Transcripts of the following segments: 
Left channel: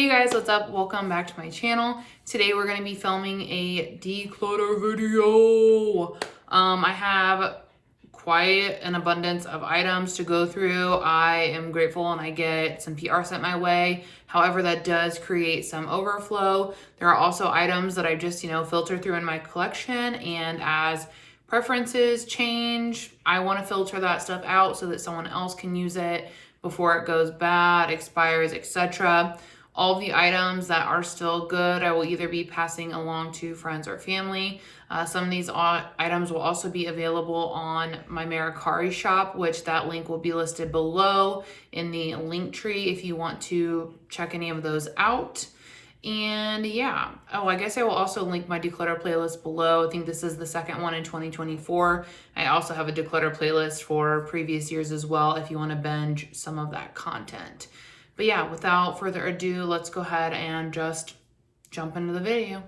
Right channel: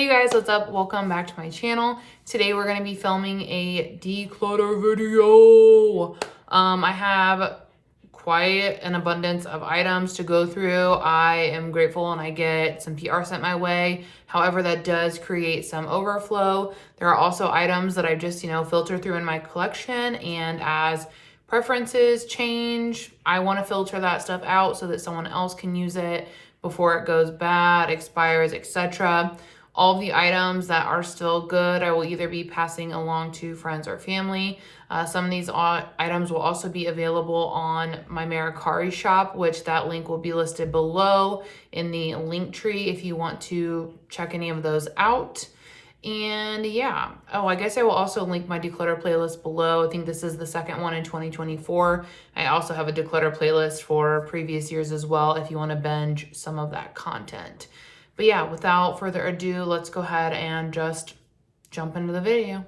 Hey guys, what's up? Welcome back to my channel. Today we're going to be filming a declutter video. I have quite an abundance of items to go through. I am grateful and I get some PR sent my way. However, that does create some overflow. There are also items that I just, filter through in my collection, and as preferences change, I want to filter that stuff out so that someone else can use it before it goes bad, expires, etc. All of the items that are still good, I will either be passing along to friends or family. Some of these items will also be available on my Mercari shop, which that link will be listed below in the link tree if you want to check any of those out. And yeah, I guess I will also link my declutter playlist below. I think this is the second one in 2024. I also have a declutter playlist for previous years as well if you want to binge some of that content. But yeah, without further ado, let's go ahead and just jump into the video.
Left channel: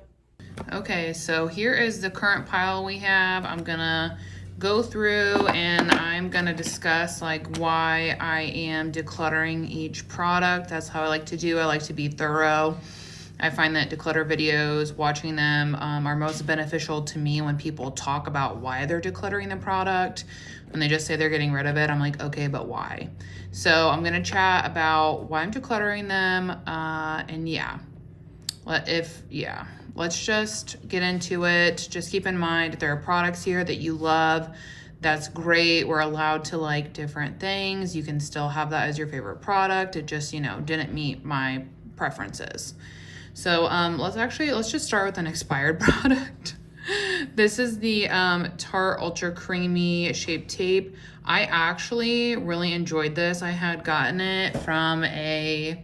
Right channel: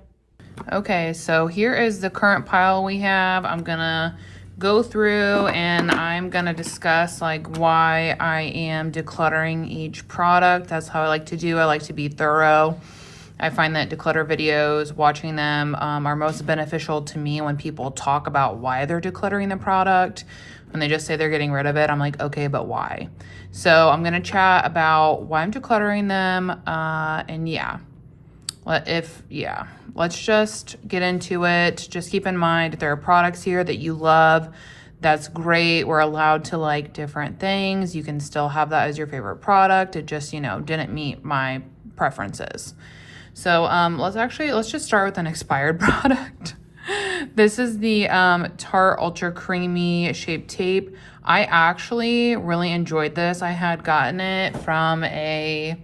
Okay, so here is the current pile we have. I'm gonna go through and I'm gonna discuss why I am decluttering each product. That's how I like to do. I like to be thorough. I find that declutter videos, watching them are most beneficial to me when people talk about why they're decluttering the product. When they just say they're getting rid of it, I'm like, okay, but why? So I'm gonna chat about why I'm decluttering them, and let's just get into it. Just keep in mind, if there are products here that you love, that's great. We're allowed to like different things. You can still have that as your favorite product. It just, didn't meet my preferences. So let's just start with an expired product. This is the Tarte Ultra Creamy Shape Tape. I actually really enjoyed this. I had gotten it from a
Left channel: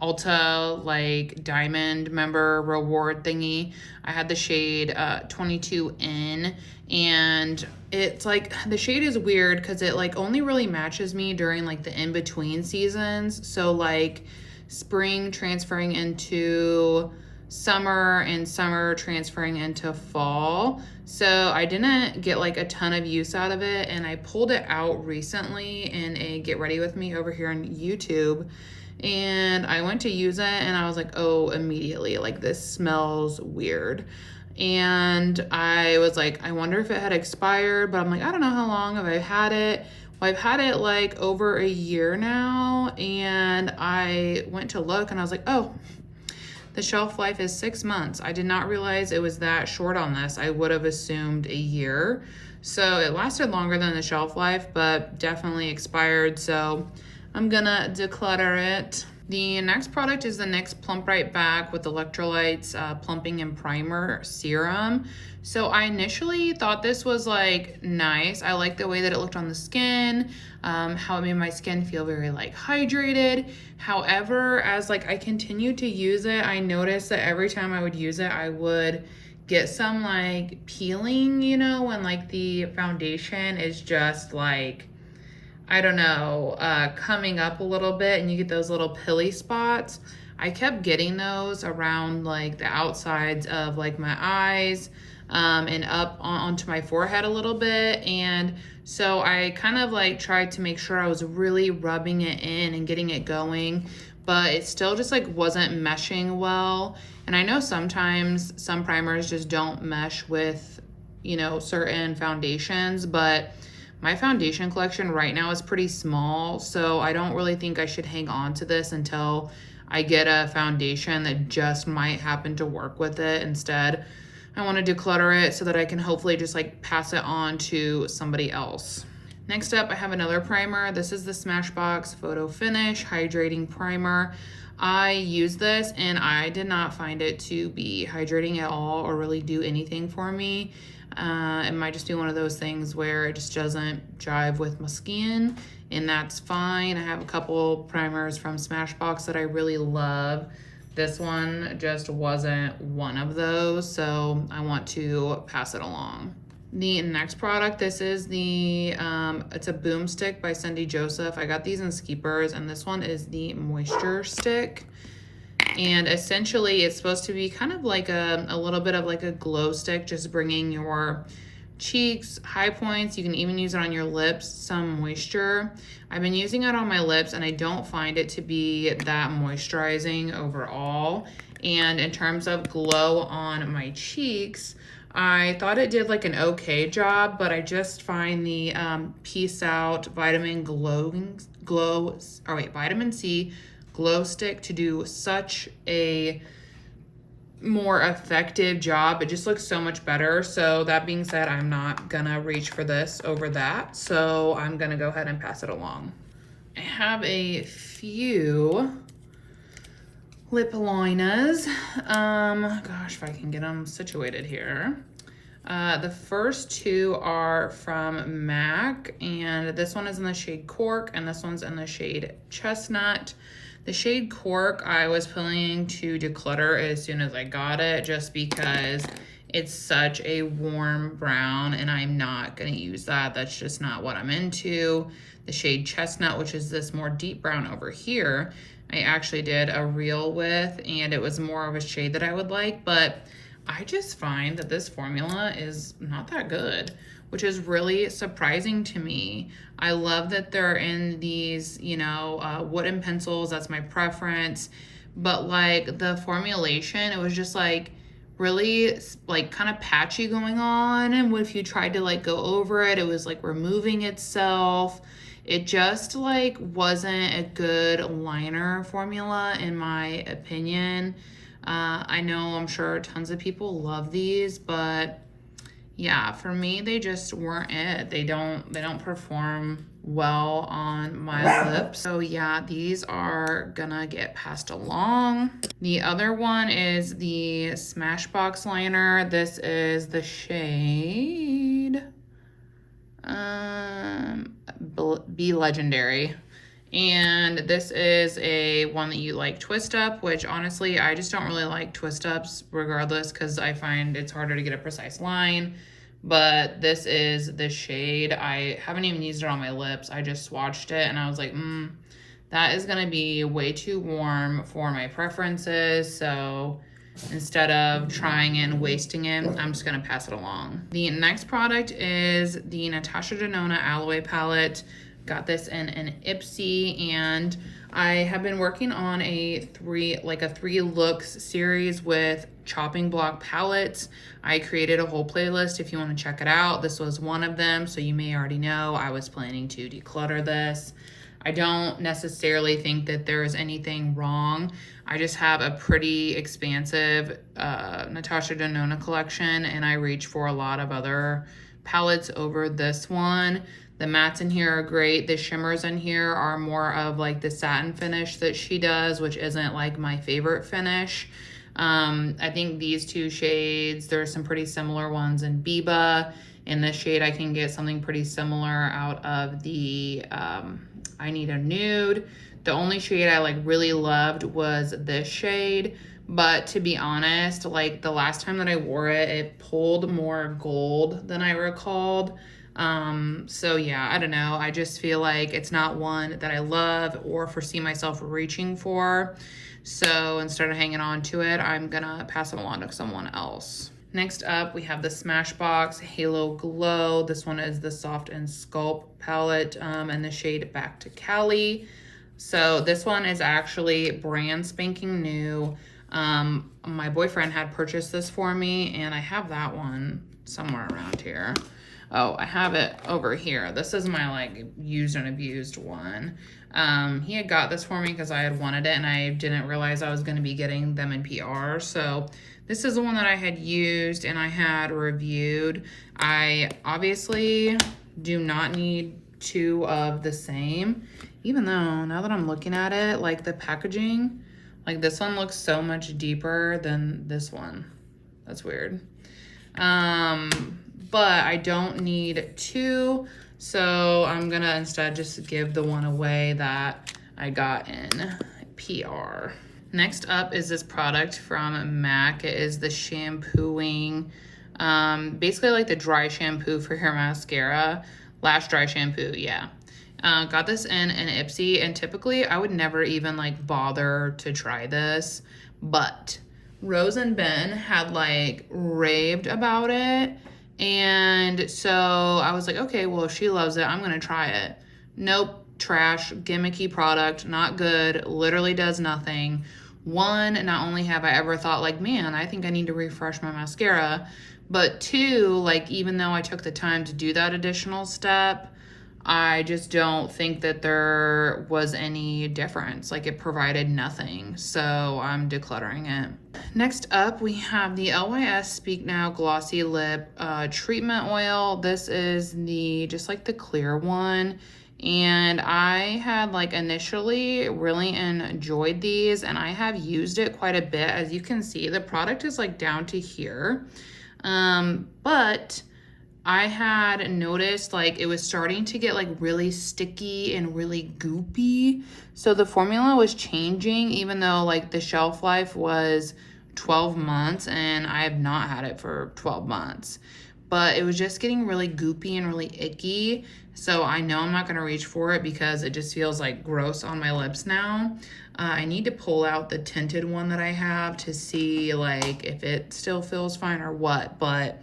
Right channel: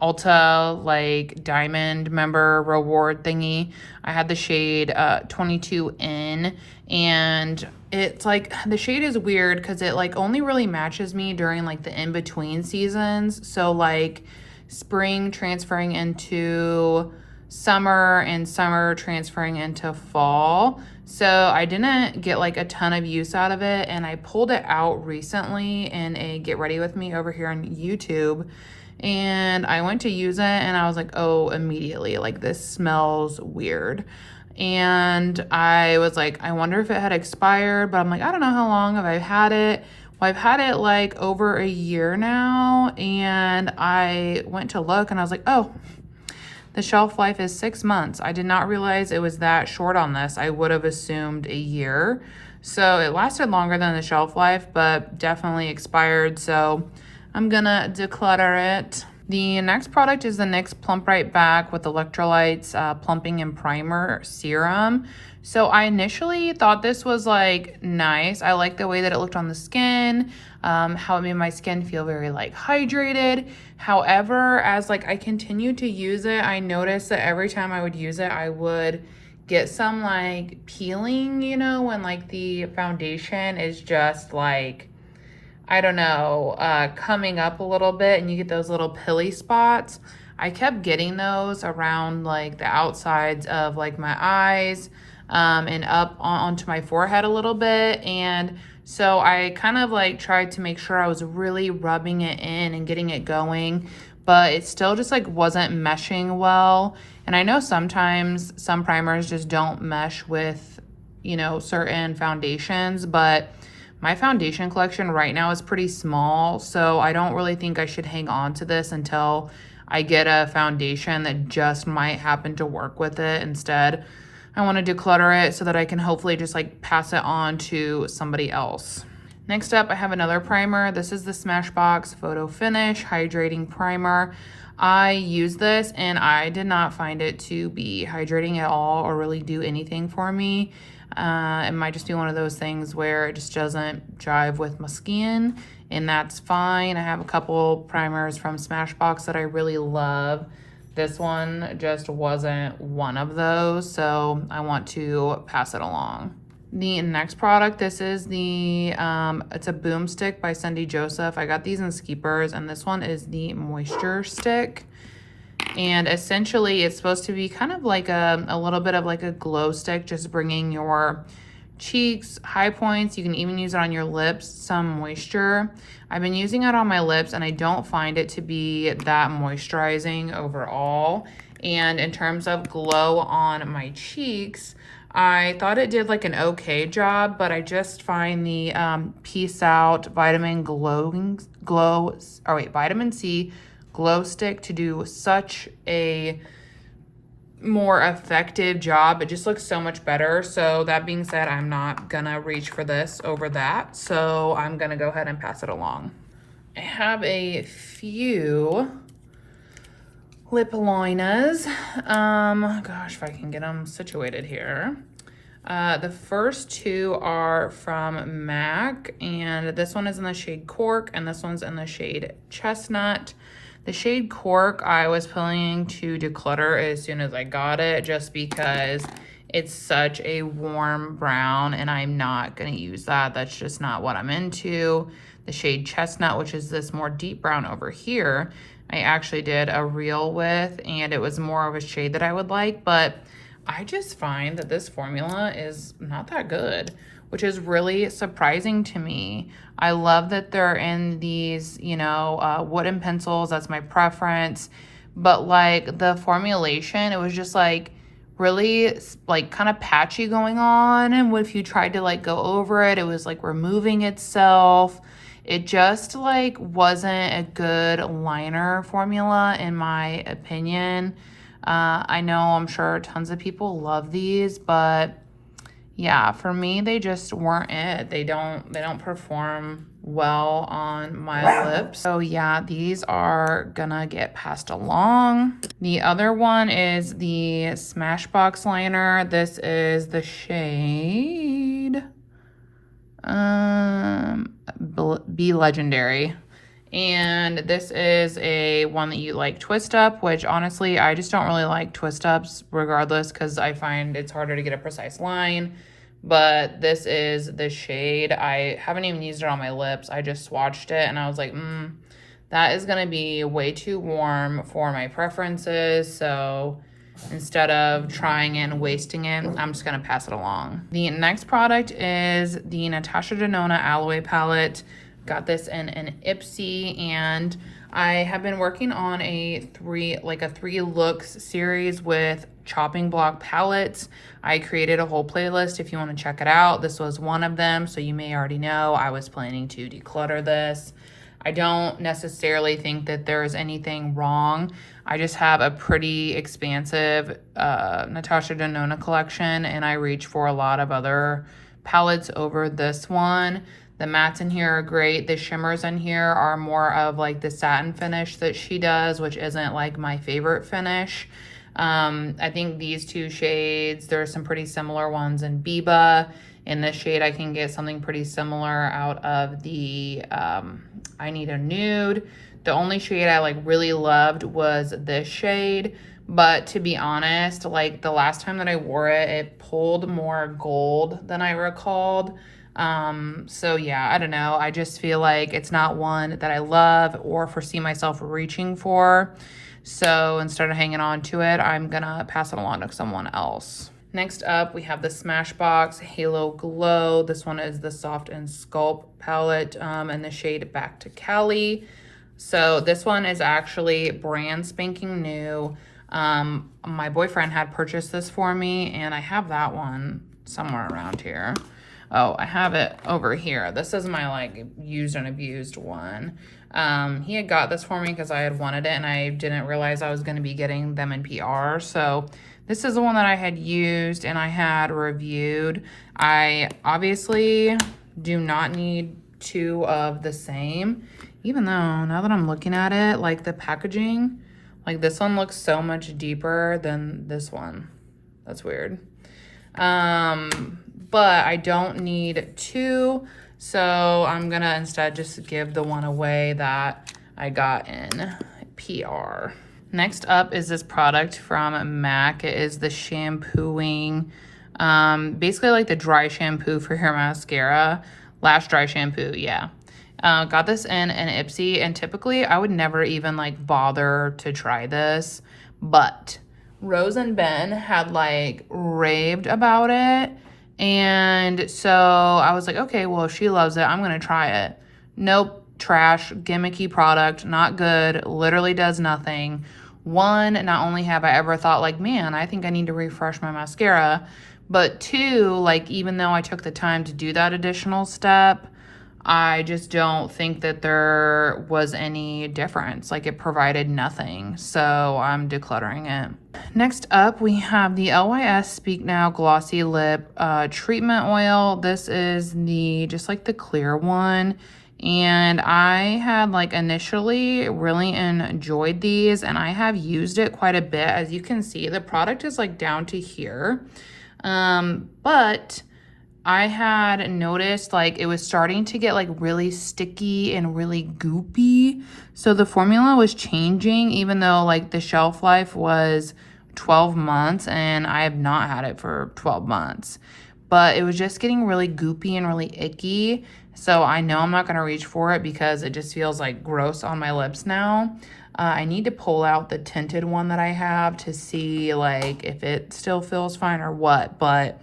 Ulta diamond member reward thingy. I had the shade 22N, and it's the shade is weird because it only really matches me during the in-between seasons. So spring transferring into summer and summer transferring into fall. So I didn't get a ton of use out of it, and I pulled it out recently in a get ready with me over here on YouTube, and I went to use it and I was like, oh, immediately, this smells weird. And I was like, I wonder if it had expired, but I'm like, I don't know how long have I had it. Well, I've had it over a year now, and I went to look and I was like, oh, the shelf life is 6 months. I did not realize it was that short on this. I would have assumed a year. So it lasted longer than the shelf life, but definitely expired. So I'm gonna declutter it. The next product is the NYX Plump Right Back with Electrolytes Plumping and Primer Serum. So I initially thought this was nice. I like the way that it looked on the skin, how it made my skin feel very hydrated. However, as I continued to use it, I noticed that every time I would use it, I would get some peeling, when the foundation is just I don't know, coming up a little bit, and you get those little pilly spots. I kept getting those around the outsides of my eyes, and up onto my forehead a little bit. And so I kind of tried to make sure I was really rubbing it in and getting it going, but it still just wasn't meshing well. And I know sometimes some primers just don't mesh with, certain foundations, but my foundation collection right now is pretty small, so I don't really think I should hang on to this until I get a foundation that just might happen to work with it. Instead, I want to declutter it so that I can hopefully just pass it on to somebody else. Next up, I have another primer. This is the Smashbox Photo Finish Hydrating Primer. I use this and I did not find it to be hydrating at all or really do anything for me. It might just be one of those things where it just doesn't jive with my skin, and that's fine. I have a couple primers from Smashbox that I really love. This one just wasn't one of those, so I want to pass it along. The next product, this is the, it's a Boom Stick by Cindy Joseph. I got these in Skeepers, and this one is the Moisture Stick. And essentially it's supposed to be kind of a little bit of a glow stick, just bringing your cheeks, high points. You can even use it on your lips, some moisture. I've been using it on my lips and I don't find it to be that moisturizing overall. And in terms of glow on my cheeks, I thought it did like an okay job, but I just find the Peace Out Vitamin Vitamin C Glow Stick to do such a more effective job. It just looks so much better. So that being said, I'm not gonna reach for this over that. So I'm gonna go ahead and pass it along. I have a few lip liners. Gosh, if I can get them situated here. The first two are from MAC, and this one is in the shade Cork, and this one's in the shade Chestnut. The shade Cork, I was planning to declutter as soon as I got it, just because it's such a warm brown, and I'm not gonna use that. That's just not what I'm into. The shade Chestnut, which is this more deep brown over here, I actually did a reel with, and it was more of a shade that I would like, but I just find that this formula is not that good, which is really surprising to me. I love that they're in these, you know, wooden pencils. That's my preference. But like the formulation, it was just like really like kind of patchy going on. And if you tried to like go over it, it was like removing itself. It just like wasn't a good liner formula in my opinion. I know I'm sure tons of people love these, but yeah, for me, they just weren't it. They don't perform well on my lips. So yeah, these are gonna get passed along. The other one is the Smashbox liner. This is the shade Be Legendary. And this is a one that you like twist up, which honestly, I just don't really like twist ups regardless, because I find it's harder to get a precise line. But this is the shade. I haven't even used it on my lips. I just swatched it and I was like, that is gonna be way too warm for my preferences. So instead of trying it and wasting it, I'm just gonna pass it along. The next product is the Natasha Denona Alloy Palette. Got this in an Ipsy, and I have been working on a three looks series with chopping block palettes. I created a whole playlist if you want to check it out. This was one of them, so you may already know I was planning to declutter this. I don't necessarily think that there is anything wrong. I just have a pretty expansive Natasha Denona collection, and I reach for a lot of other palettes over this one. The mattes in here are great. The shimmers in here are more of like the satin finish that she does, which isn't like my favorite finish. I think these two shades, there are some pretty similar ones in Biba. In this shade, I can get something pretty similar out of the I Need a Nude. The only shade I like really loved was this shade. But to be honest, like the last time that I wore it, it pulled more gold than I recalled. So yeah, I don't know. I just feel like it's not one that I love or foresee myself reaching for. So instead of hanging on to it, I'm gonna pass it along to someone else. Next up, we have the Smashbox Halo Glow. This one is the Soft and Sculpt palette in the shade Back to Cali. So this one is actually brand spanking new. My boyfriend had purchased this for me, and I have that one somewhere around here. Oh, I have it over here. This is my like used and abused one. He had got this for me because I had wanted it, and I didn't realize I was going to be getting them in PR. So this is the one that I had used and I had reviewed. I obviously do not need two of the same, even though now that I'm looking at it, like the packaging, like this one looks so much deeper than this one. That's weird. But I don't need two, so I'm gonna instead just give the one away that I got in PR. Next up is this product from MAC. It is the shampooing, basically like the dry shampoo for your mascara. Lash dry shampoo, yeah. Got this in an Ipsy, and typically I would never even like bother to try this, but Rose and Ben had like raved about it, And so I was like, okay, well, if she loves it, I'm going to try it. Nope, trash, gimmicky product, not good, literally does nothing. One, not only have I ever thought like, man, I think I need to refresh my mascara, but two, like, even though I took the time to do that additional step, I just don't think that there was any difference. Like, it provided nothing. So I'm decluttering it. Next up, we have the LYS Speak Now Glossy Lip Treatment Oil. This is just like the clear one. And I had like initially really enjoyed these, and I have used it quite a bit. As you can see, the product is like down to here. But I had noticed like it was starting to get like really sticky and really goopy. So the formula was changing, even though like the shelf life was 12 months and I have not had it for 12 months. But it was just getting really goopy and really icky. So I know I'm not going to reach for it because it just feels like gross on my lips now. I need to pull out the tinted one that I have to see like if it still feels fine or what. But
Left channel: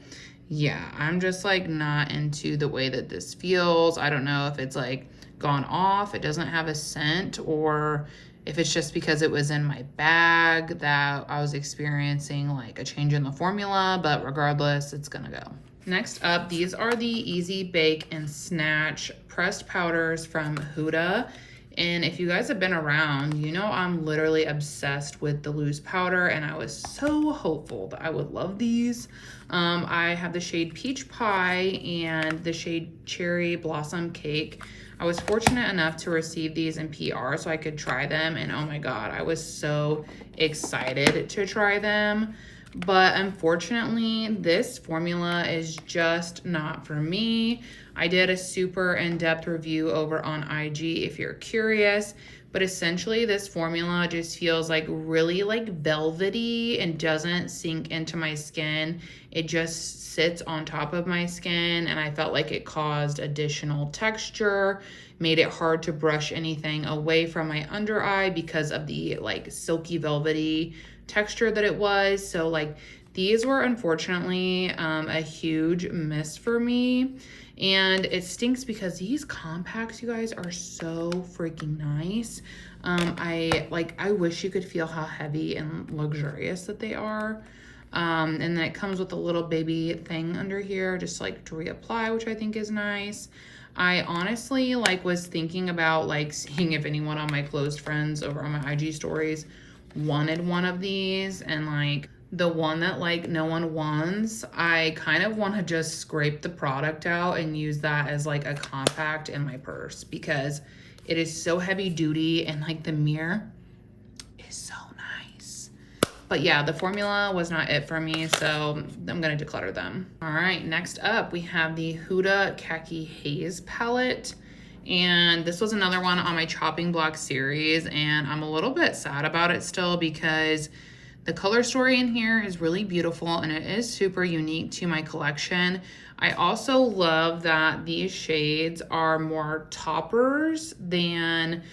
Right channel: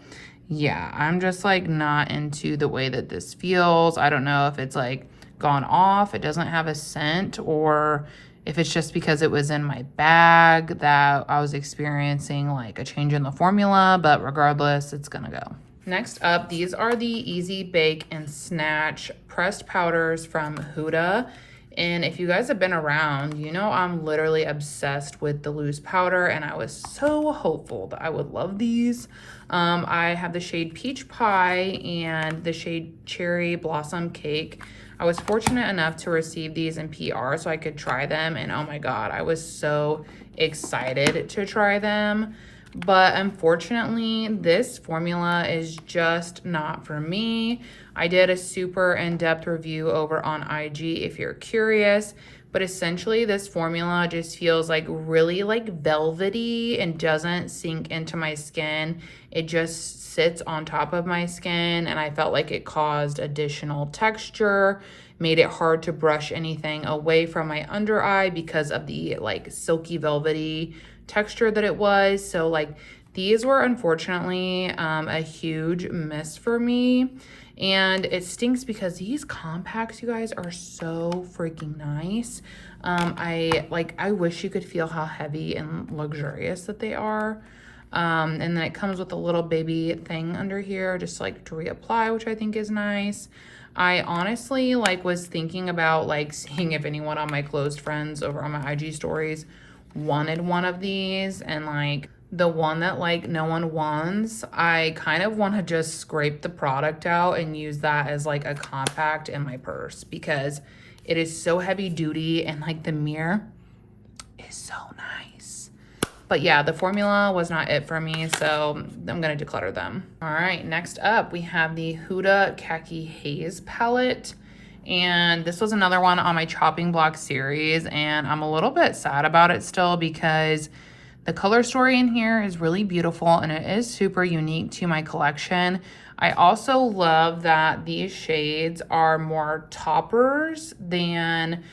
yeah, I'm just like not into the way that this feels. I don't know if it's like gone off, it doesn't have a scent, or if it's just because it was in my bag that I was experiencing like a change in the formula, but regardless, it's gonna go. Next up, these are the Easy Bake and Snatch pressed powders from Huda. And if you guys have been around, you know I'm literally obsessed with the loose powder, and I was so hopeful that I would love these. I have the shade Peach Pie and the shade Cherry Blossom Cake. I was fortunate enough to receive these in PR so I could try them, and oh my god, I was so excited to try them. But unfortunately, this formula is just not for me. I did a super in-depth review over on IG if you're curious, but essentially this formula just feels like really like velvety and doesn't sink into my skin. It just sits on top of my skin, and I felt like it caused additional texture, made it hard to brush anything away from my under eye because of the like silky velvety texture that it was. So like these were unfortunately a huge miss for me. And it stinks because these compacts, you guys, are so freaking nice. I wish you could feel how heavy and luxurious that they are. And then it comes with a little baby thing under here, just like to reapply, which I think is nice. I honestly like was thinking about like seeing if anyone on my close friends over on my IG stories wanted one of these, and like the one that like no one wants, I kind of want to just scrape the product out and use that as like a compact in my purse because it is so heavy duty, and like the mirror is so nice. But yeah, the formula was not it for me, so I'm gonna declutter them. All right, next up we have the Huda Khaki Haze palette. And this was another one on my chopping block series, and I'm a little bit sad about it still because the color story in here is really beautiful and it is super unique to my collection. I also love that these shades are more toppers than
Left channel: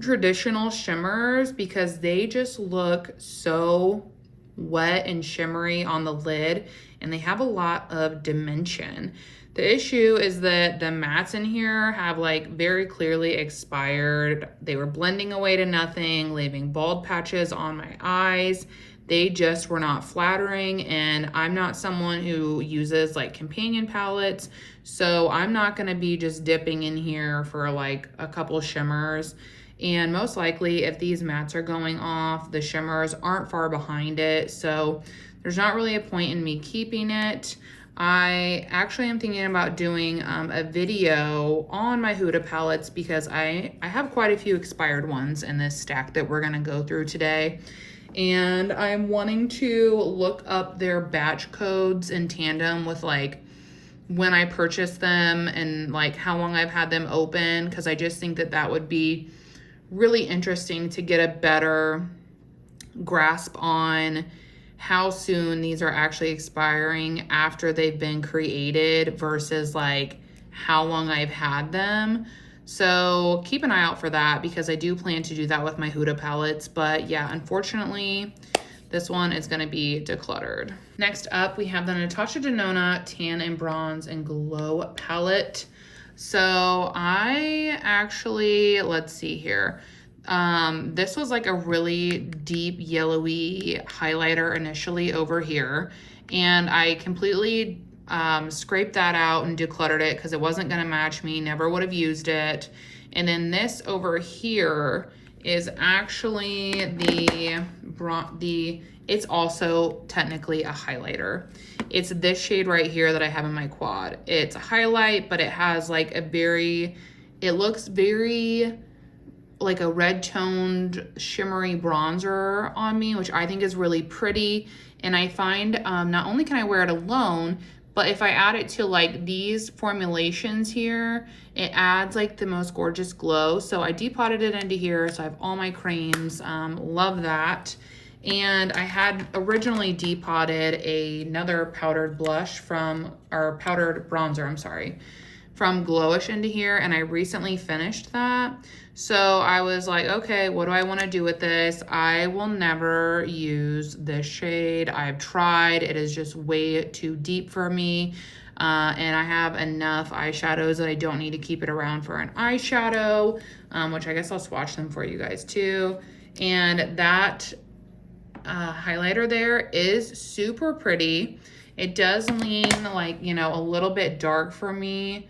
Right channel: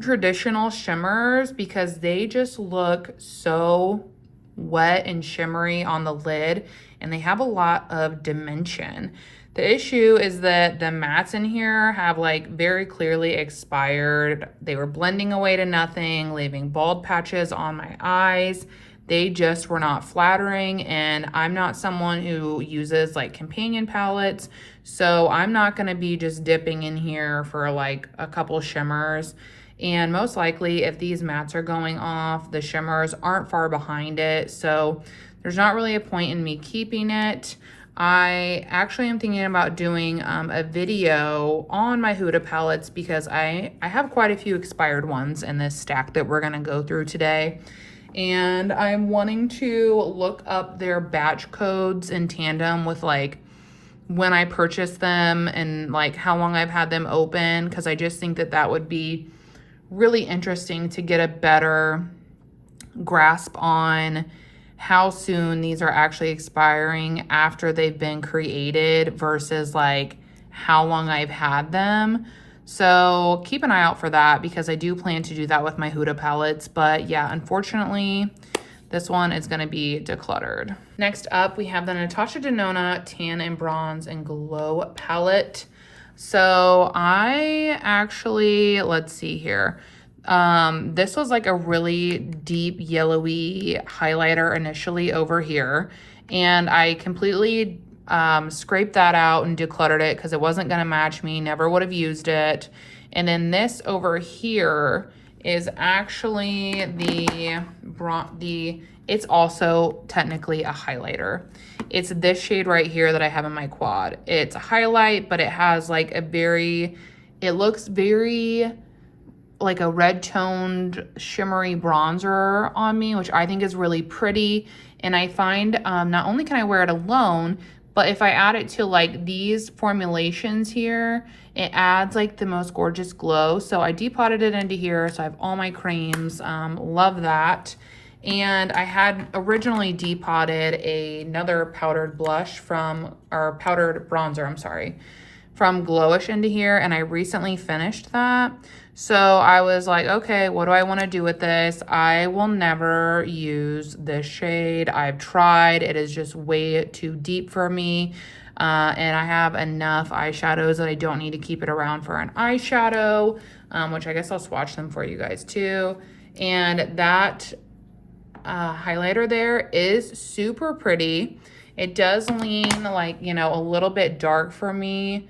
traditional shimmers because they just look so wet and shimmery on the lid, and they have a lot of dimension. The issue is that the mattes in here have like very clearly expired. They were blending away to nothing, leaving bald patches on my eyes. They just were not flattering, and I'm not someone who uses like companion palettes, so I'm not gonna be just dipping in here for like a couple shimmers. And most likely if these mattes are going off, the shimmers aren't far behind it, so there's not really a point in me keeping it. I actually am thinking about doing a video on my Huda palettes because I have quite a few expired ones in this stack that we're gonna go through today. And I'm wanting to look up their batch codes in tandem with like when I purchased them and like how long I've had them open, because I just think that that would be really interesting to get a better grasp on how soon these are actually expiring after they've been created versus like how long I've had them. So keep an eye out for that because I do plan to do that with my Huda palettes. But yeah, unfortunately, This one is gonna be decluttered. Next up, we have the Natasha Denona Tan and Bronze and Glow palette. So I actually, let's see here. This was like a really deep yellowy highlighter initially over here. And I completely scraped that out and decluttered it because it wasn't gonna match me, never would have used it. And then this over here is actually it's also technically a highlighter. It's this shade right here that I have in my quad. It's a highlight, but it has like it looks very like a red toned shimmery bronzer on me, which I think is really pretty. And I find not only can I wear it alone, but if I add it to like these formulations here, it adds like the most gorgeous glow. So I depotted it into here. So I have all my creams, love that. And I had originally depotted another powdered bronzer, I'm sorry, from Glowish into here, and I recently finished that. So I was like, okay, what do I want to do with this? I will never use this shade. I've tried, it is just way too deep for me. And I have enough eyeshadows that I don't need to keep it around for an eyeshadow, which I guess I'll swatch them for you guys too. And that highlighter there is super pretty. It does lean like, you know, a little bit dark for me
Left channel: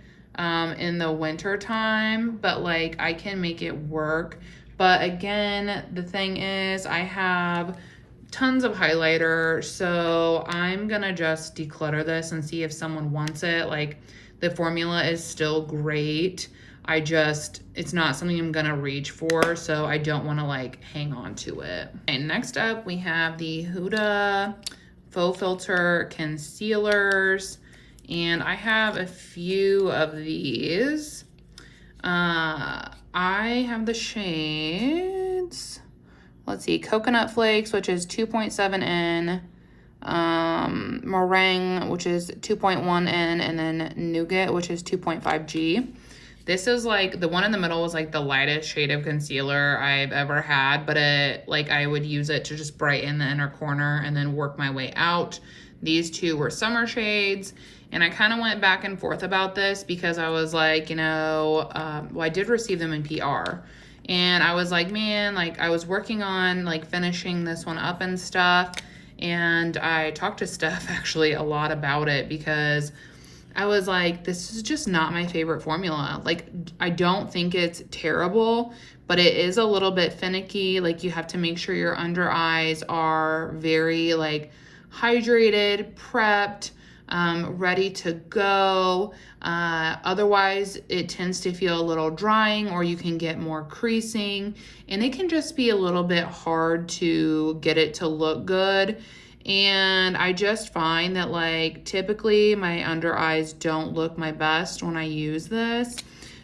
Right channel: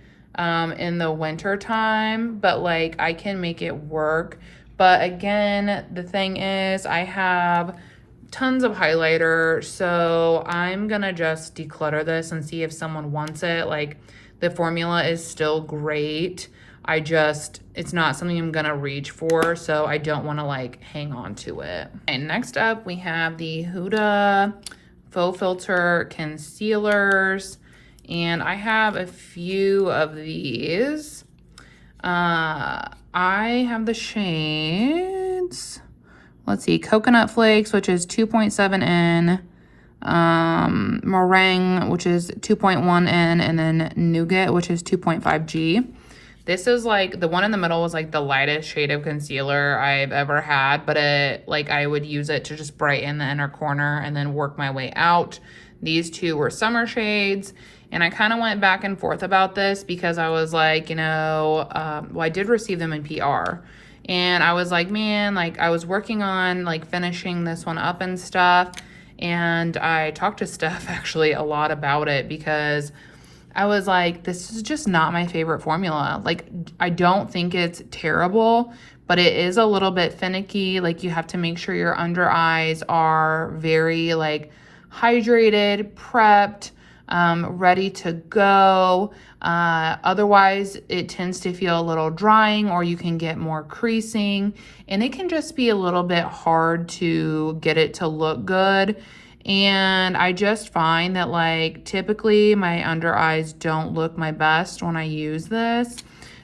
in the winter time, but like I can make it work. But again, the thing is I have tons of highlighter, so I'm gonna just declutter this and see if someone wants it. Like the formula is still great. It's not something I'm gonna reach for, so I don't wanna like hang on to it. And next up we have the Huda Faux Filter Concealers, and I have a few of these. I have the shades, let's see, Coconut Flakes, which is 2.7N, Meringue, which is 2.1N, and then Nougat, which is 2.5G. This is like, the one in the middle is like the lightest shade of concealer I've ever had, but I would use it to just brighten the inner corner and then work my way out. These two were summer shades, and I kind of went back and forth about this because I was like, you know, well, I did receive them in PR. And I was like, man, like I was working on like finishing this one up and stuff. And I talked to Steph actually a lot about it because I was like, this is just not my favorite formula. Like, I don't think it's terrible, but it is a little bit finicky. Like, you have to make sure your under eyes are very like hydrated, prepped, ready to go. Otherwise, it tends to feel a little drying, or you can get more creasing, and it can just be a little bit hard to get it to look good. And I just find that like typically my under eyes don't look my best when I use this.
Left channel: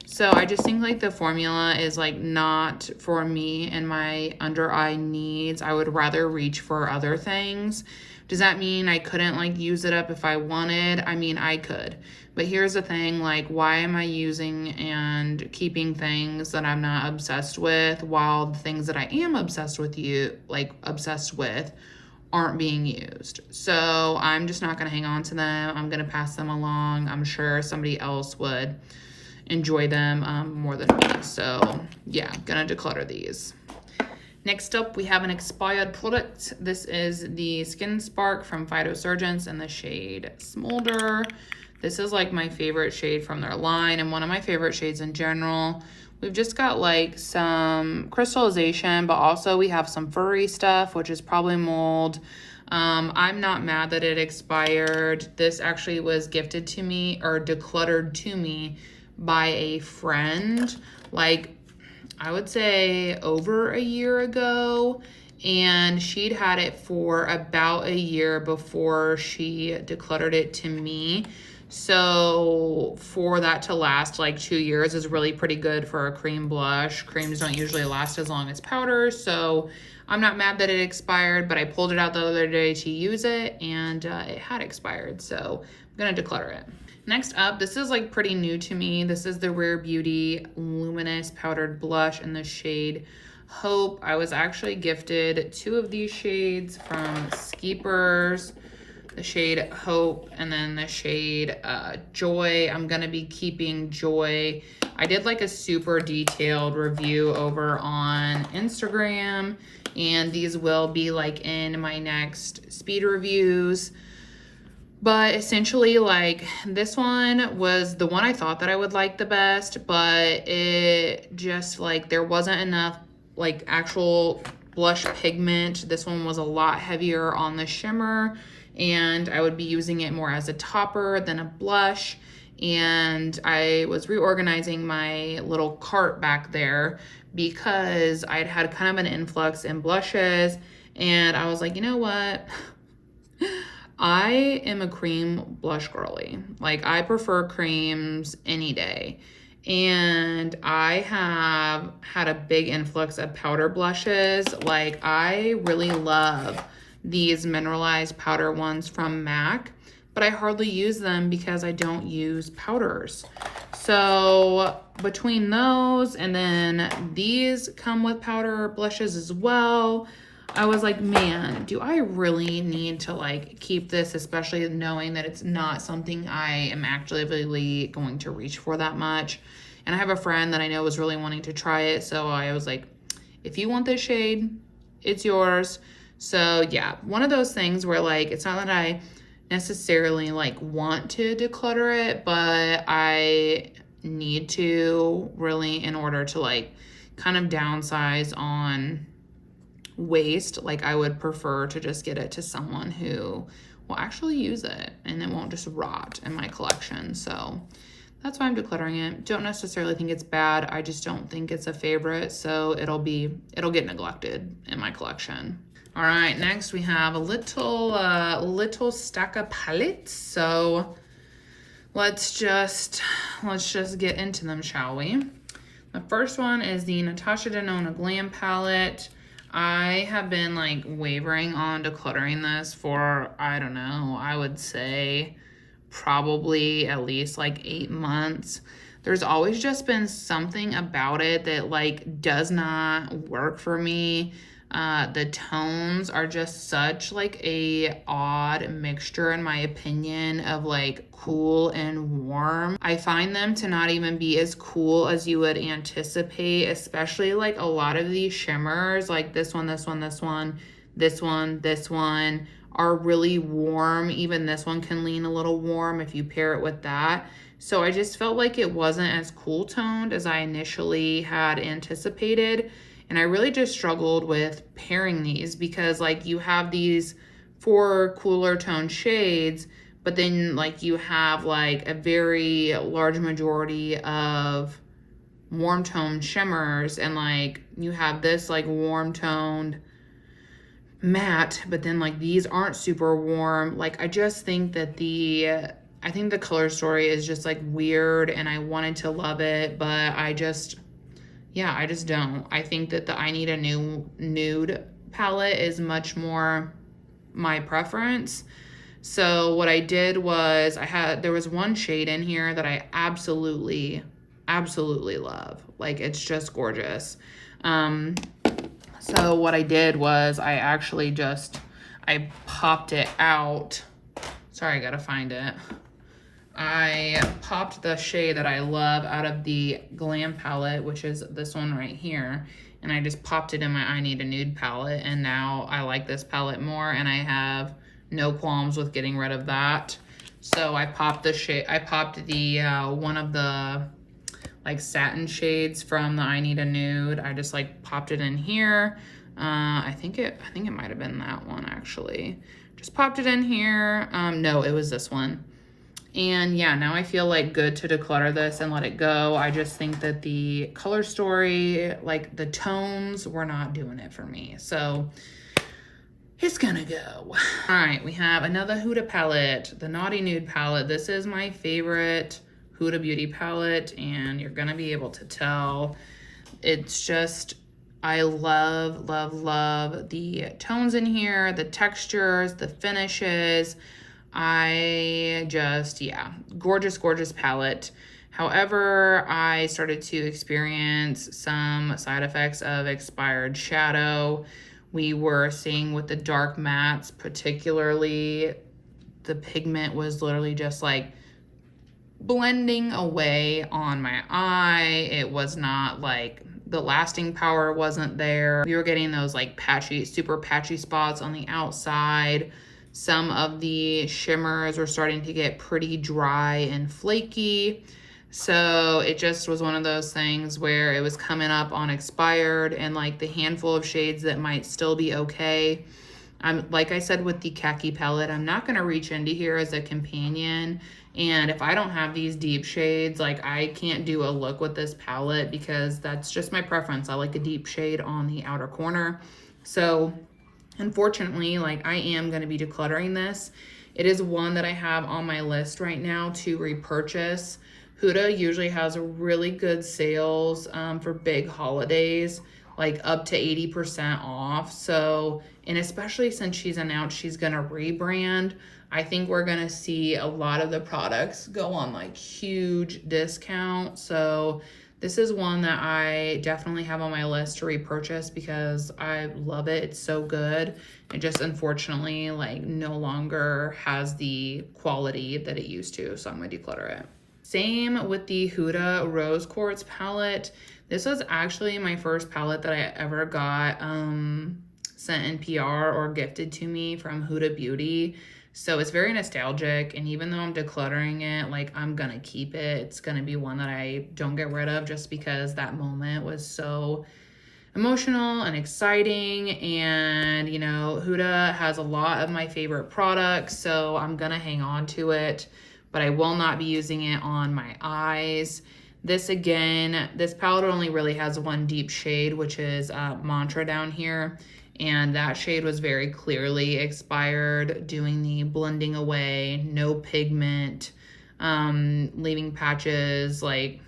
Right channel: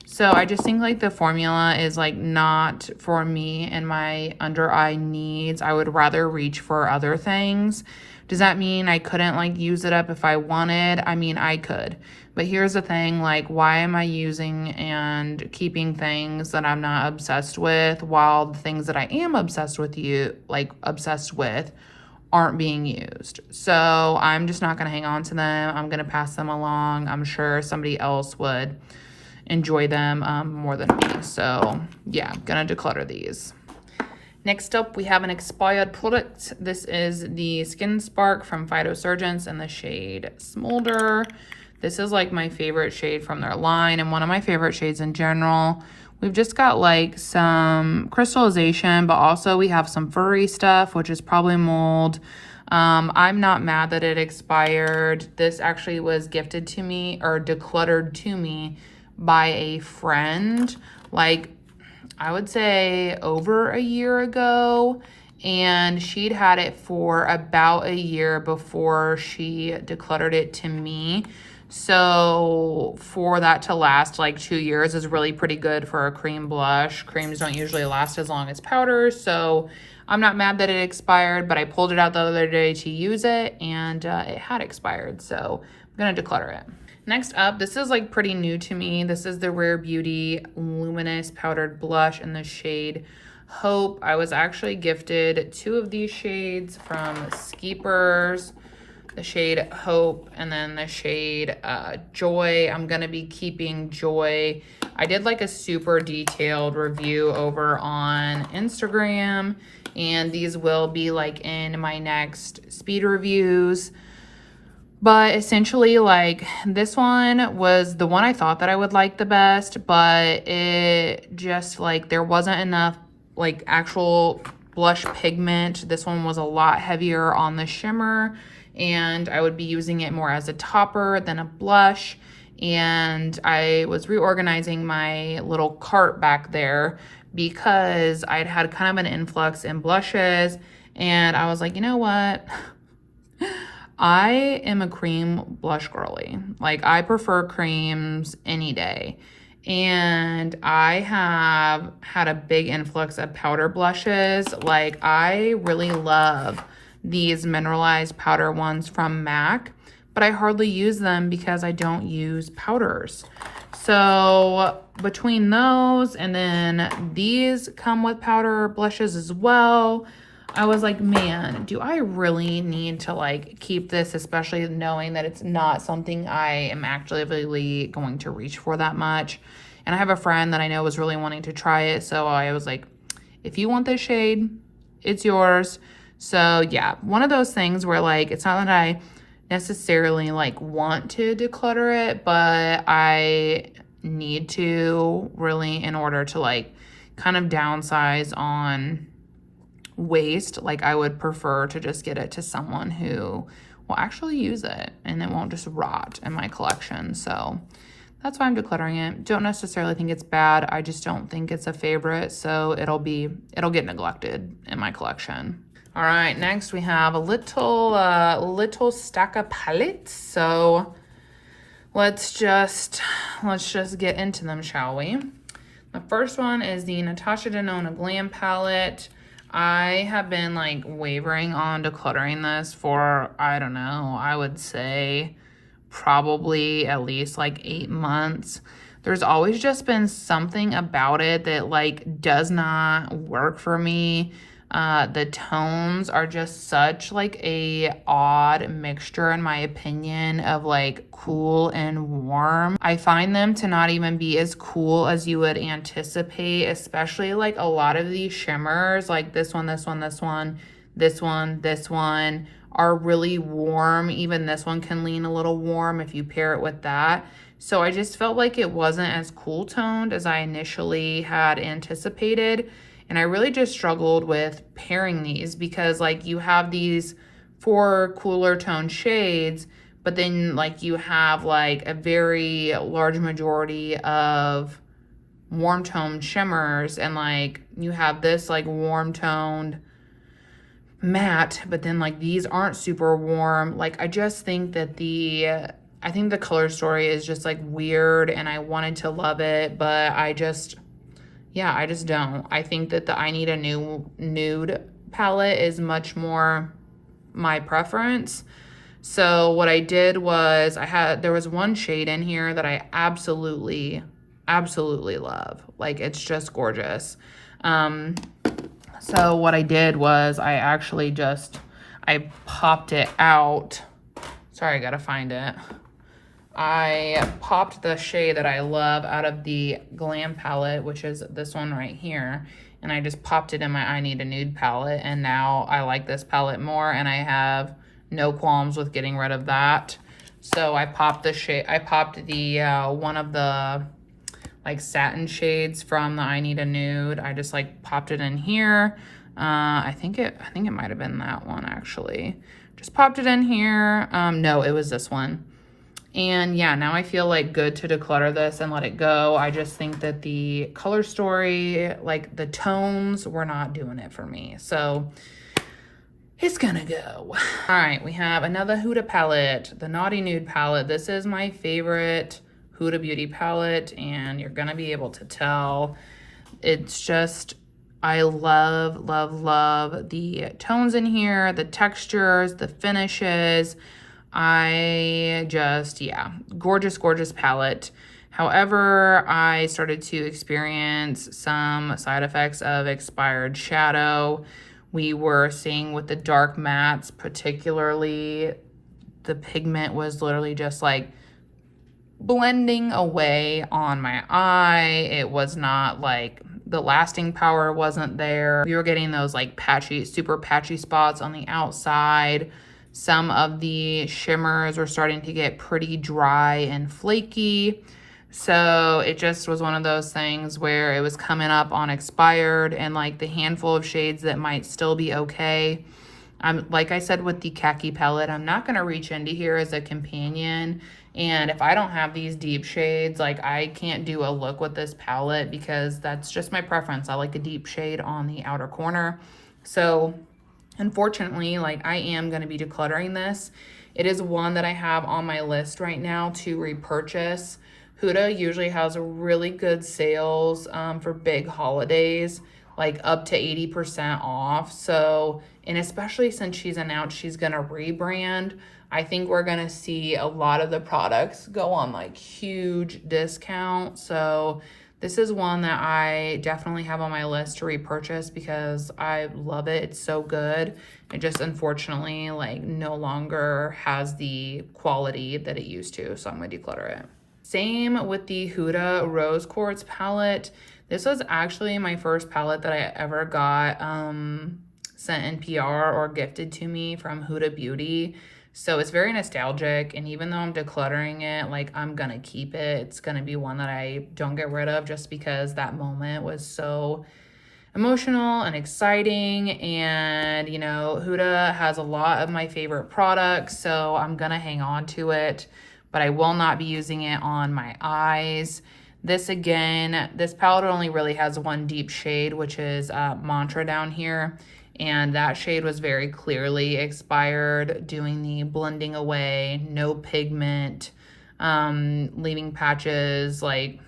So I just think like the formula is like not for me and my under eye needs. I would rather reach for other things. Does that mean I couldn't like use it up if I wanted? I mean, I could. But here's the thing, like, why am I using and keeping things that I'm not obsessed with while the things that I am obsessed with aren't being used? So I'm just not gonna hang on to them. I'm gonna pass them along. I'm sure somebody else would enjoy them more than me. So yeah, gonna declutter these. Next up, we have an expired product. This is the Skin Spark from Phytosurgeons in the shade Smolder. This is like my favorite shade from their line and one of my favorite shades in general. We've just got like some crystallization, but also we have some furry stuff, which is probably mold. I'm not mad that it expired. This actually was gifted to me or decluttered to me by a friend, like I would say over a year ago, and she'd had it for about a year before she decluttered it to me. So for that to last like 2 years is really pretty good for a cream blush. Creams don't usually last as long as powders, so I'm not mad that it expired, but I pulled it out the other day to use it, and it had expired, so I'm gonna declutter it. Next up, this is like pretty new to me. This is the Rare Beauty Luminous Powdered Blush in the shade Hope. I was actually gifted 2 of these shades from Skeepers, the shade Hope and then the shade Joy. I'm gonna be keeping Joy. I did like a super detailed review over on Instagram, and these will be like in my next speed reviews. But essentially, like, this one was the one I thought that I would like the best, but it just, like, there wasn't enough, like, actual blush pigment. This one was a lot heavier on the shimmer, and I would be using it more as a topper than a blush. And I was reorganizing my little cart back there because I'd had kind of an influx in blushes, and I was like, you know what? I am a cream blush girly. Like, I prefer creams any day. And I have had a big influx of powder blushes. Like, I really love these mineralized powder ones from MAC, but I hardly use them because I don't use powders. So between those and then these come with powder blushes as well, I was like, man, do I really need to like keep this, especially knowing that it's not something I am actively going to reach for that much. And I have a friend that I know was really wanting to try it, so I was like, if you want this shade, it's yours. So yeah, one of those things where like, it's not that I necessarily like want to declutter it, but I need to really in order to like kind of downsize on waste. Like, I would prefer to just get it to someone who will actually use it and it won't just rot in my collection. So that's why I'm decluttering it. Don't necessarily think it's bad. I just don't think it's a favorite, so it'll get neglected in my collection. All right, next we have a little stack of palettes. So let's just get into them, shall we? The first one is the Natasha Denona Glam palette. I have been like wavering on decluttering this for, I don't know, I would say probably at least like 8 months. There's always just been something about it that like does not work for me. The tones are just such like a odd mixture in my opinion of like cool and warm. I find them to not even be as cool as you would anticipate, especially like a lot of these shimmers, like this one, are really warm. Even this one can lean a little warm if you pair it with that. So I just felt like it wasn't as cool toned as I initially had anticipated. And I really just struggled with pairing these because like you have these 4 cooler tone shades, but then like you have like a very large majority of warm toned shimmers, and like you have this like warm toned matte, but then like these aren't super warm. Like I just think that I think the color story is just like weird, and I wanted to love it, but I just don't. I think that the I Need a New Nude palette is much more my preference. So what I did was there was one shade in here that I absolutely love. Like, it's just gorgeous. So what I did was I popped it out. Sorry, I gotta find it. I popped the shade that I love out of the Glam palette, which is this one right here. And I just popped it in my I Need a Nude palette. And now I like this palette more, and I have no qualms with getting rid of that. So I popped the shade, one of the like satin shades from the I Need a Nude. I just like popped it in here. I think it might have been that one actually. Just popped it in here. No, it was this one. And yeah, now I feel like good to declutter this and let it go. I just think that the color story, like the tones, were not doing it for me. So it's gonna go. All right, we have another Huda palette, the Naughty Nude palette. This is my favorite Huda Beauty palette, and you're gonna be able to tell. It's just, I love the tones in here, the textures, the finishes. Gorgeous palette. However, I started to experience some side effects of expired shadow. We were seeing with the dark mattes, particularly, the pigment was literally just like blending away on my eye. It was not like, the lasting power wasn't there. We were getting those like patchy, super patchy spots on the outside. Some of the shimmers were starting to get pretty dry and flaky. So it just was one of those things where it was coming up on expired, and like the handful of shades that might still be okay. Like I said with the khaki palette, I'm not going to reach into here as a companion. And if I don't have these deep shades, like I can't do a look with this palette because that's just my preference. I like a deep shade on the outer corner. So unfortunately, like I am going to be decluttering this. It is one that I have on my list right now to repurchase. Huda usually has really good sales for big holidays, like up to 80% off. So, and especially since she's announced she's gonna rebrand, I think we're gonna see a lot of the products go on like huge discount. So this is one that I definitely have on my list to repurchase because I love it. It's so good. It just unfortunately like no longer has the quality that it used to. So I'm gonna declutter it. Same with the Huda Rose Quartz palette. This was actually my first palette that I ever got sent in PR or gifted to me from Huda Beauty. So it's very nostalgic, and even though I'm decluttering it, like I'm gonna keep it. It's gonna be one that I don't get rid of just because that moment was so emotional and exciting. And you know, Huda has a lot of my favorite products, so I'm gonna hang on to it, but I will not be using it on my eyes. This again, this palette only really has one deep shade, which is Mantra down here. And that shade was very clearly expired, doing the blending away, no pigment, leaving patches, like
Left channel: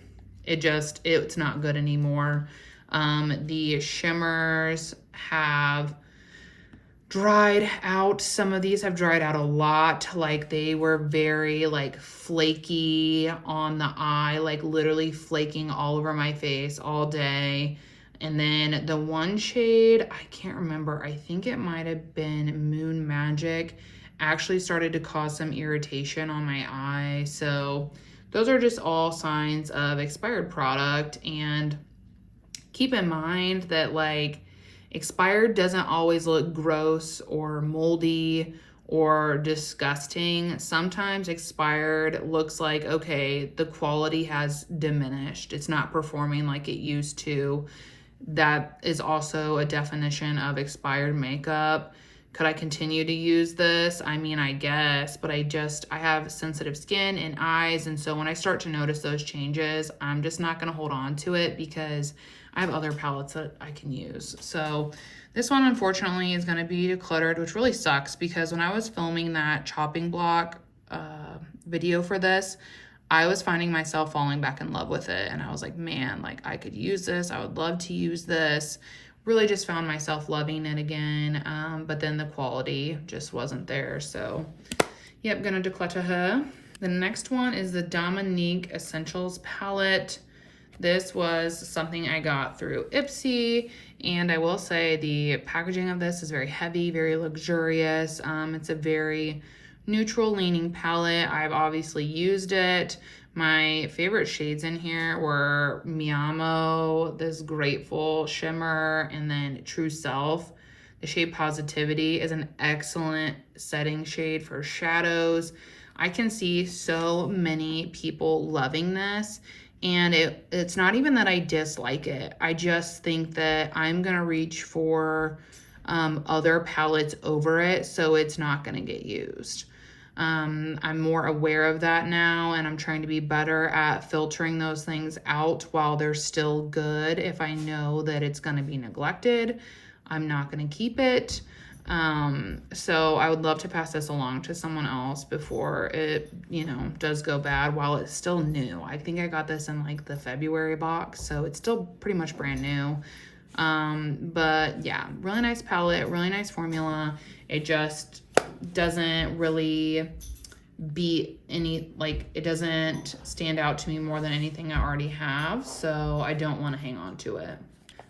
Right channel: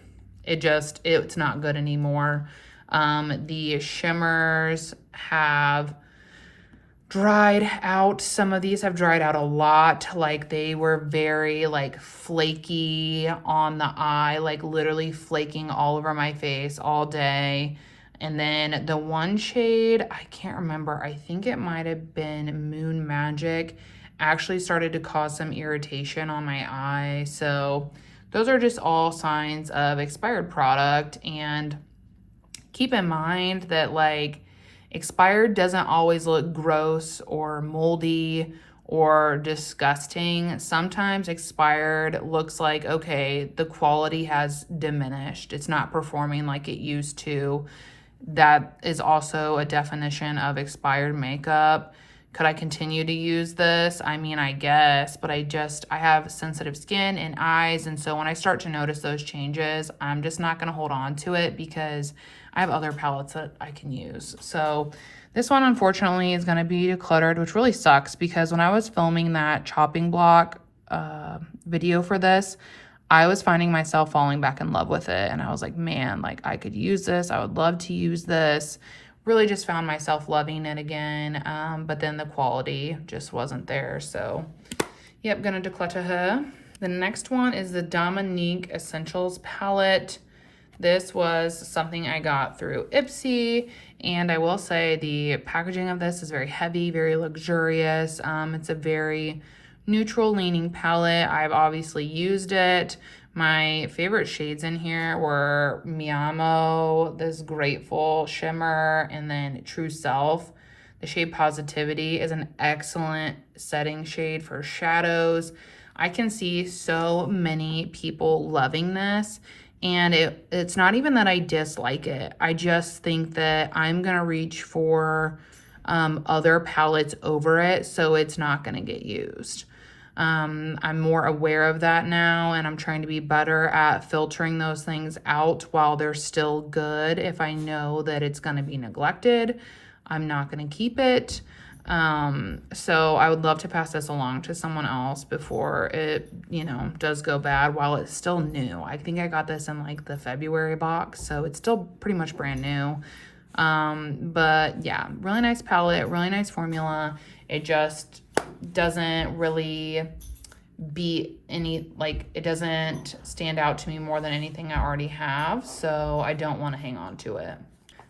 it's not good anymore. The shimmers have dried out. Some of these have dried out a lot. Like they were very like flaky on the eye, like literally flaking all over my face all day. And then the one shade, I can't remember, I think it might have been Moon Magic, actually started to cause some irritation on my eye. So those are just all signs of expired product. And keep in mind that like expired doesn't always look gross or moldy or disgusting. Sometimes expired looks like, okay, the quality has diminished. It's not performing like it used to. That is also a definition of expired makeup. Could I continue to use this? I mean, I guess, but I have sensitive skin and eyes. And so when I start to notice those changes, I'm just not going to hold on to it because I have other palettes that I can use. So this one, unfortunately, is going to be decluttered, which really sucks because when I was filming that chopping block video for this, I was finding myself falling back in love with it. And I was like, man, like I could use this. I would love to use this. Really just found myself loving it again. But then the quality just wasn't there. So yep, gonna declutter her. The next one is the Dominique Essentials palette. This was something I got through Ipsy. And I will say the packaging of this is very heavy, very luxurious. It's a very neutral leaning palette. I've obviously used it. My favorite shades in here were Mi Amo, this Grateful Shimmer, and then True Self. The shade Positivity is an excellent setting shade for shadows. I can see so many people loving this, and it's not even that I dislike it. I just think that I'm gonna reach for other palettes over it, so it's not gonna get used. I'm more aware of that now, and I'm trying to be better at filtering those things out while they're still good. If I know that it's going to be neglected, I'm not going to keep it. So I would love to pass this along to someone else before it, does go bad while it's still new. I think I got this in like the February box, so it's still pretty much brand new. But yeah, really nice palette, really nice formula. It just doesn't really beat any, like, it doesn't stand out to me more than anything I already have, so I don't want to hang on to it.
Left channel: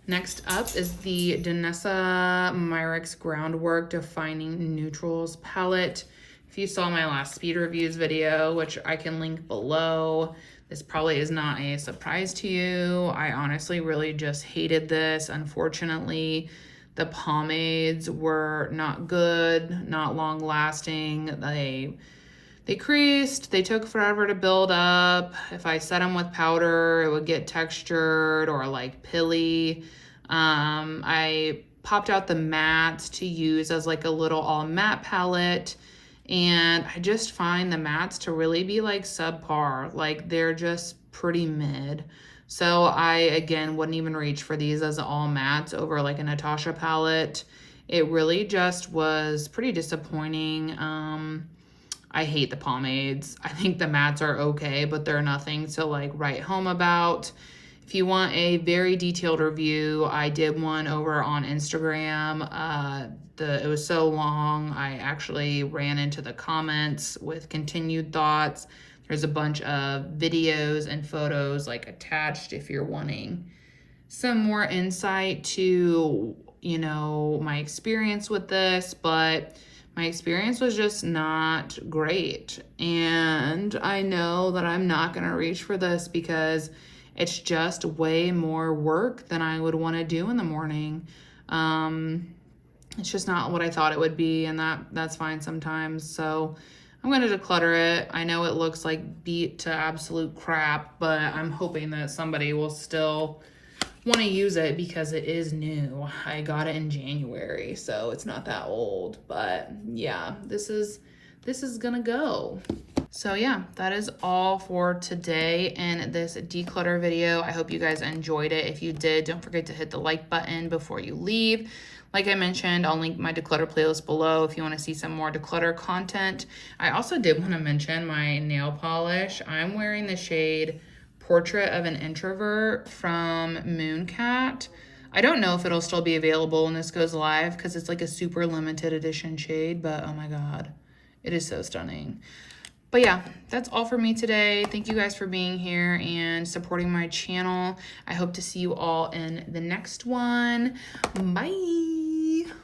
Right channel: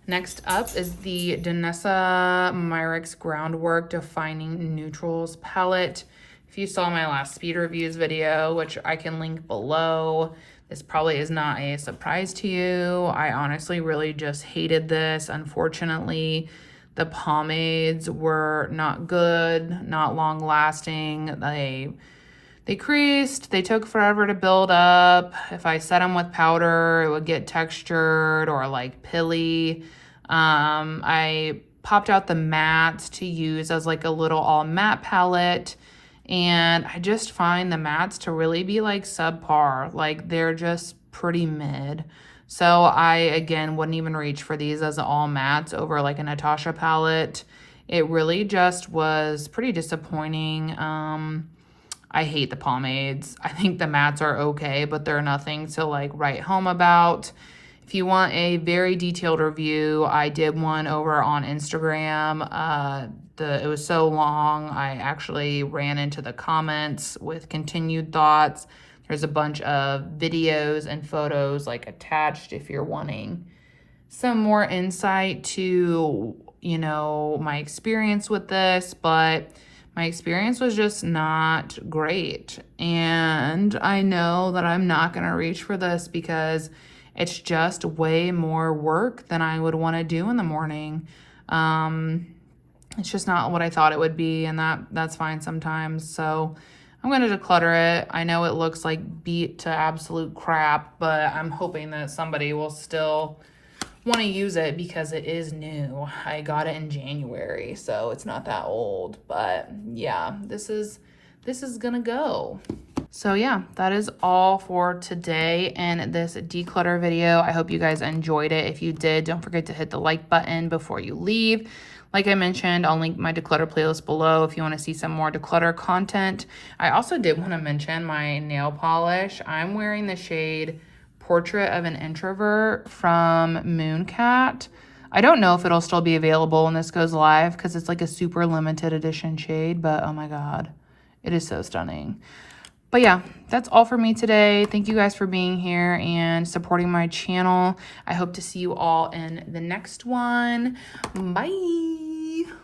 Next up is the Danessa Myricks Groundwork Defining Neutrals palette. If you saw my last speed reviews video, which I can link below, this probably is not a surprise to you. I honestly really just hated this. Unfortunately, the pomades were not good, not long lasting. They creased, they took forever to build up. If I set them with powder, it would get textured or like pilly. I popped out the mattes to use as like a little all matte palette. And I just find the mattes to really be like subpar. Like they're just pretty mid. So I, again, wouldn't even reach for these as all mattes over like a Natasha palette. It really just was pretty disappointing. I hate the pomades. I think the mattes are okay, but they're nothing to like write home about. If you want a very detailed review, I did one over on Instagram. It was so long, I actually ran into the comments with continued thoughts. There's a bunch of videos and photos like attached if you're wanting some more insight to, you know, my experience with this, but my experience was just not great. And I know that I'm not gonna reach for this because it's just way more work than I would wanna do in the morning. It's just not what I thought it would be, and that's fine sometimes. So I'm gonna declutter it. I know it looks like beat to absolute crap, but I'm hoping that somebody will still want to use it because it is new. I got it in January, so it's not that old. But yeah, this is gonna go. So yeah, that is all for today in this declutter video. I hope you guys enjoyed it. If you did, don't forget to hit the like button before you leave. Like I mentioned, I'll link my declutter playlist below if you want to see some more declutter content. I also did want to mention my nail polish. I'm wearing the shade Portrait of an Introvert from Mooncat. I don't know if it'll still be available when this goes live because it's like a super limited edition shade, but oh my god, it is so stunning. But yeah, that's all for me today. Thank you guys for being here and supporting my channel. I hope to see you all in the next one. Bye.